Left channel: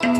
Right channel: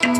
मोर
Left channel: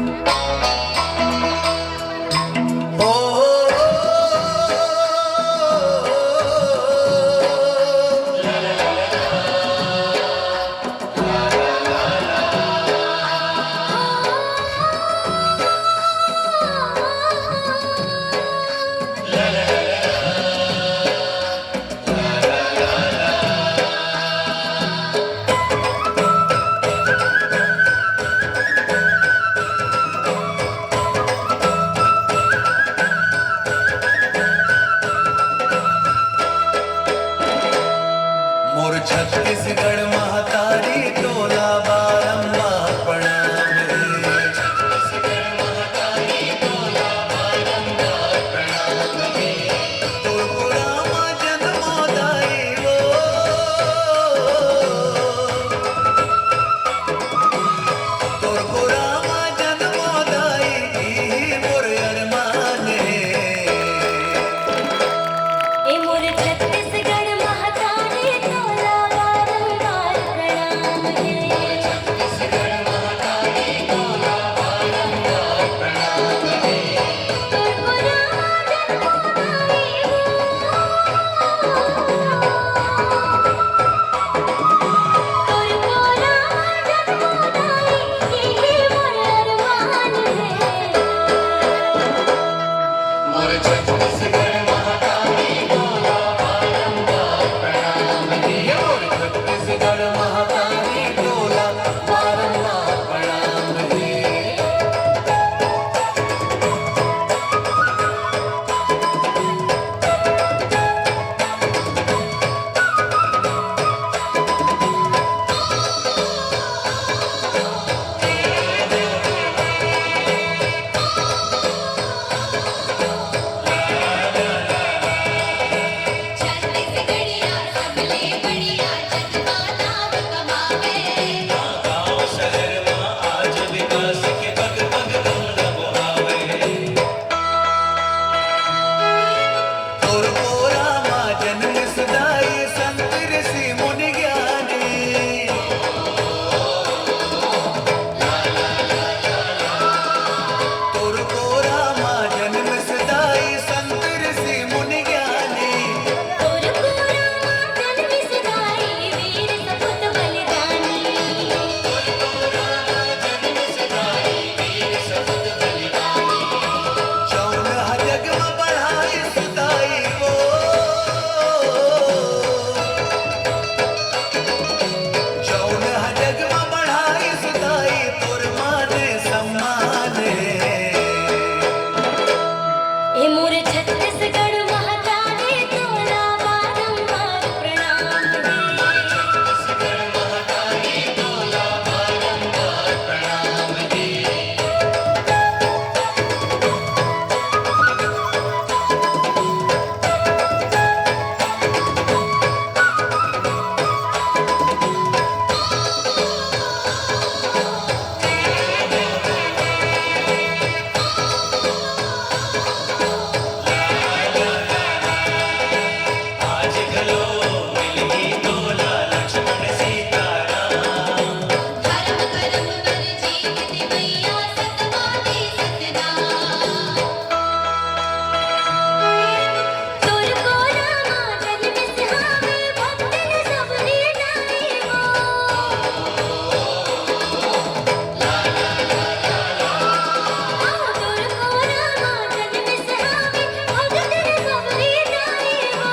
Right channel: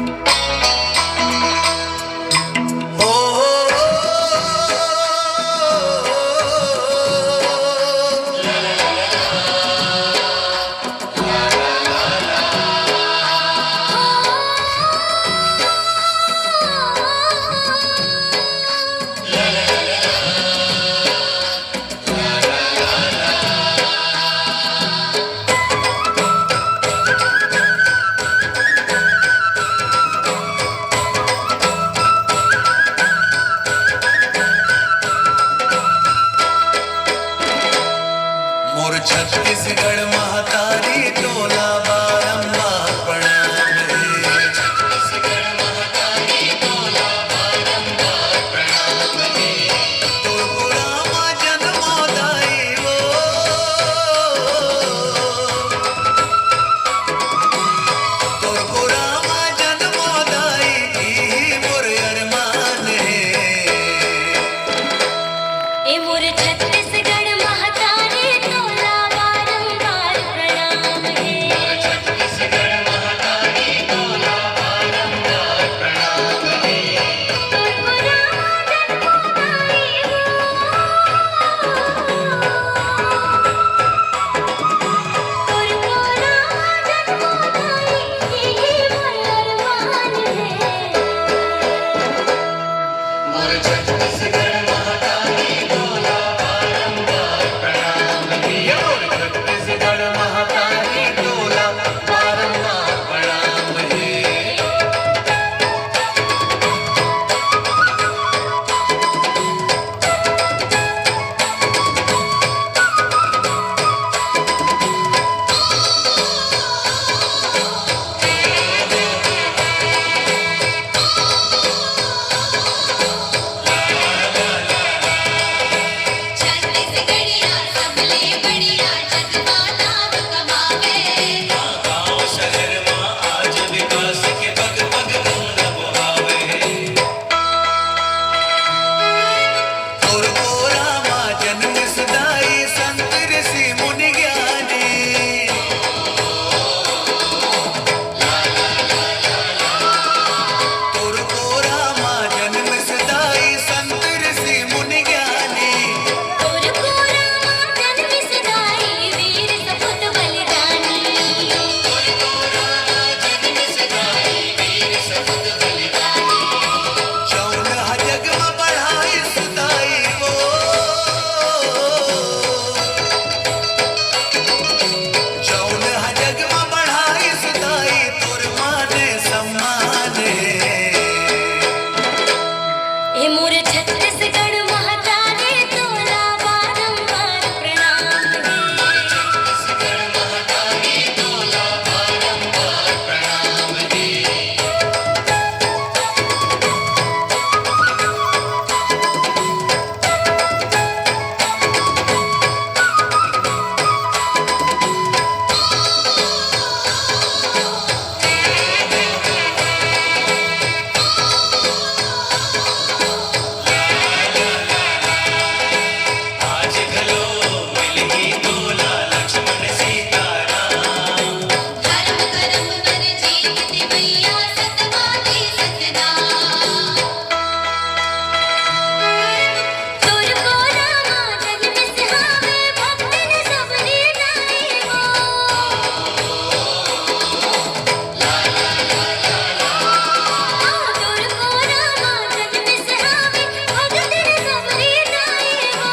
छत्तीसगढ़ महतारी तोला बारंबार प्रणाम रे। छत्तीसगढ़ महतारी तोला बारंबार प्रणाम रे। तोर पुरामा जन्मोदाई वो, तोर पुरामा जन्मोदाई ई मोर अरमान है। ए मोर छत्तीसगढ़ महतारी तोला बारंबार प्रणाम हे। छत्तीसगढ़ महतारी तोला बारंबार प्रणाम है। तोर पुरामा जन्मोदाई तोर पुरामा जन्मोदाई यही मोर अरमान है। मोर छत्तीसगढ़ महतारी तोला बारंबार प्रणाम है। मोर छत्तीसगढ़ महतारी तोला बारंबार प्रणाम है। छत्तीसगढ़िया सबले बढ़िया जगमा नाम कमावे। गाँव शहर में आज विकास के पग पग गौरव आवे। तोर पुरामा जन्म सदाई संत ऋषि मुनि ज्ञानी। तोर पुरामा जन्म सदाई संत ऋषि मुनि ज्ञानी। तोर पुरामा जन्म सदाई वीर सपूत बलिदानी। जौन जग में बढ़ाई सुदाई वो, जौन जग में बढ़ाई सुदाई तोर मान सम्मान है। ए मोर छत्तीसगढ़ महतारी तोला बारंबार प्रणाम हे। छत्तीसगढ़ महतारी तोला बारंबार प्रणाम है। आज घलो मिलगी तोला लक्ष्मण सीता राम। धर्म कर्म कर जीत दिवैया सतवादी सतनाम। तोर पुरामा जन्म सिहावे भक्तन सबरी नाई हो। तोर पुरामा जन्म सिहावे भक्तन सबरी नाई हो।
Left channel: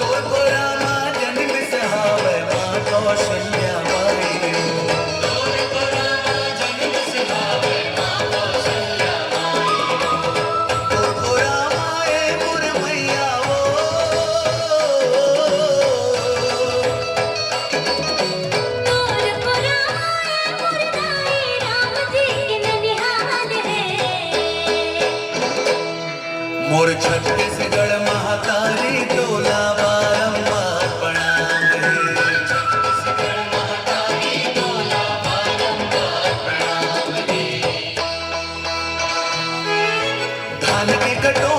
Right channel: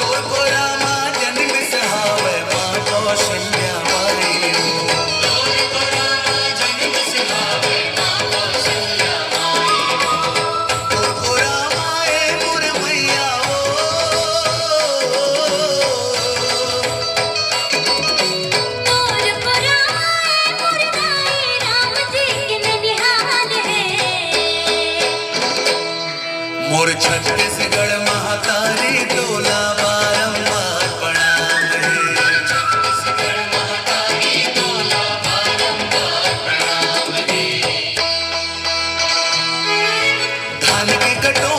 तोर पुरामा जन्म सहावे माँ कौशल्या माई हो। तोर पुरामा जन्म सहावे माँ कौशल्या माई हो। तोर पुरामा ए मोर मैया हो। तोर पुरामा मोर नाई राम जी के ननिहाल है। मोर छत्तीसगढ़ महतारी तोला बारंबार प्रणाम है। छत्तीसगढ़ महतारी तोला बारंबार प्रणाम है। धान के कटोरा